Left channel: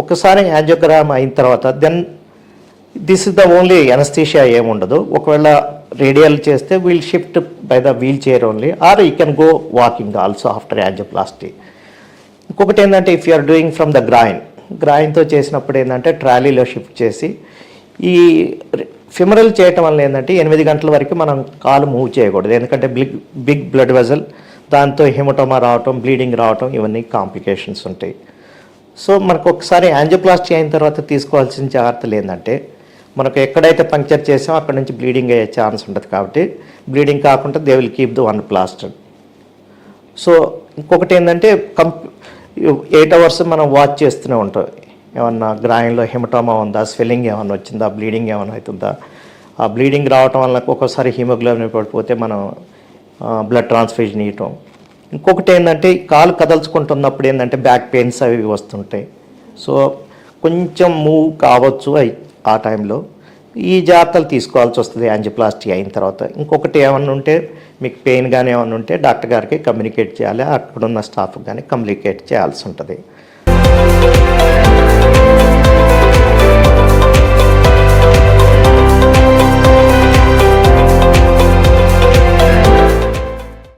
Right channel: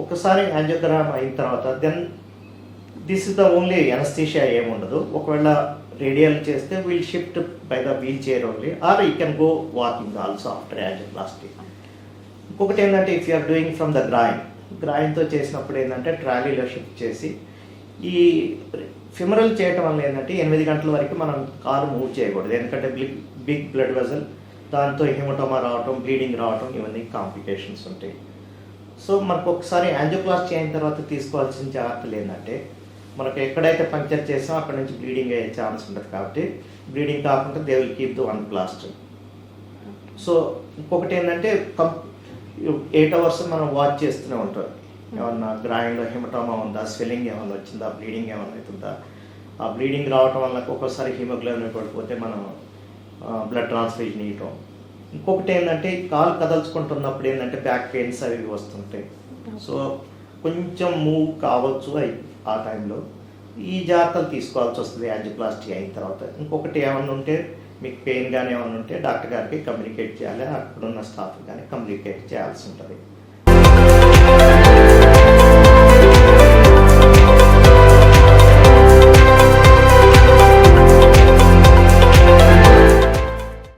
ఒకసారి యాంజియోగ్రామ్ అయిన తర్వాత then this is the only anaesthesia ఏముండదు. ఒకవేళ రేడియల్ చేస్తే we'll shift by the wheelchair only, or you can go walking also after angioplasty. ఇంకొకటి ఏంటంటే if you are doing from the గ్రాయిన్తో చేసినప్పుడు ఏంటంటే ట్రాలీలో షిఫ్ట్ చేసి ఈ ఫిమరల్ చేయటం వల్ల ఏంటంటే 8 గంటల వరకు మనం కాలు మూవ్ చేయకూడదు, ఎందుకంటే బిగ్ బ్లడ్ వెజల్, దాంతో హెమటోమా రావటం, బ్లీడింగ్ రావటం, ఇవన్నీ కాంప్లికేషన్స్ ఉంటాయి. సో మనకు ఒకసారి యాంజియోప్లాస్టీ అయిన తర్వాత తీసుకోవాల్సిన జాగ్రత్తలు ఏంటంటే మనకు ఎక్కడైతే పంక్చర్ చేసామో అక్కడ నుంచి బ్లీడింగ్ అయ్యే ఛాన్స్ ఉంటుంది. కాబట్టి బ్లీడింగ్ కాకుండా they will keep the 1 plaster. So ఇంకొకటి ఏంటంటే 8 hours మనం వాచ్ చేస్తూనే ఉంటాం. ఏమన్నా గ్రాయిన్లో హెమటోమా ఉందా, స్వెల్లింగ్ ఏమన్నా వచ్చిందా, బ్లీడింగ్ ఏమైనా అవుతుందా. ఆ బ్లీడింగ్ రావటం వల్ల ఒక్కోసారి హిమోగ్లోబిన్ పడిపోతే మనం బ్లడ్ ట్రాన్స్ఫ్యూజన్ ఇవ్వటం. ఇంకొకటి ఏంటంటే కాలు కదల్చుకుంటున్నప్పుడు ఏంటంటే బ్యాక్ పెయిన్స్ అవి వస్తుంటాయి. సో కొంచెం మూవ్ కావచ్చు ఆ టైంలో ఈ జాగ్రత్తలు తీసుకోవాల్సి వస్తుంది యాంజియోప్లాస్టీ అయిన తర్వాత. ఇంకొకటి ఏమన్నా ఉంటే మీకు పెయిన్ కానీ ఏమన్నా ఉంటే డాక్టర్ గారికి కమ్యూనికేట్ చేయాలి, అక్కడున్న స్టాఫ్ కానీ కమ్యూనికేట్ చేయాల్సి ఉంటుంది.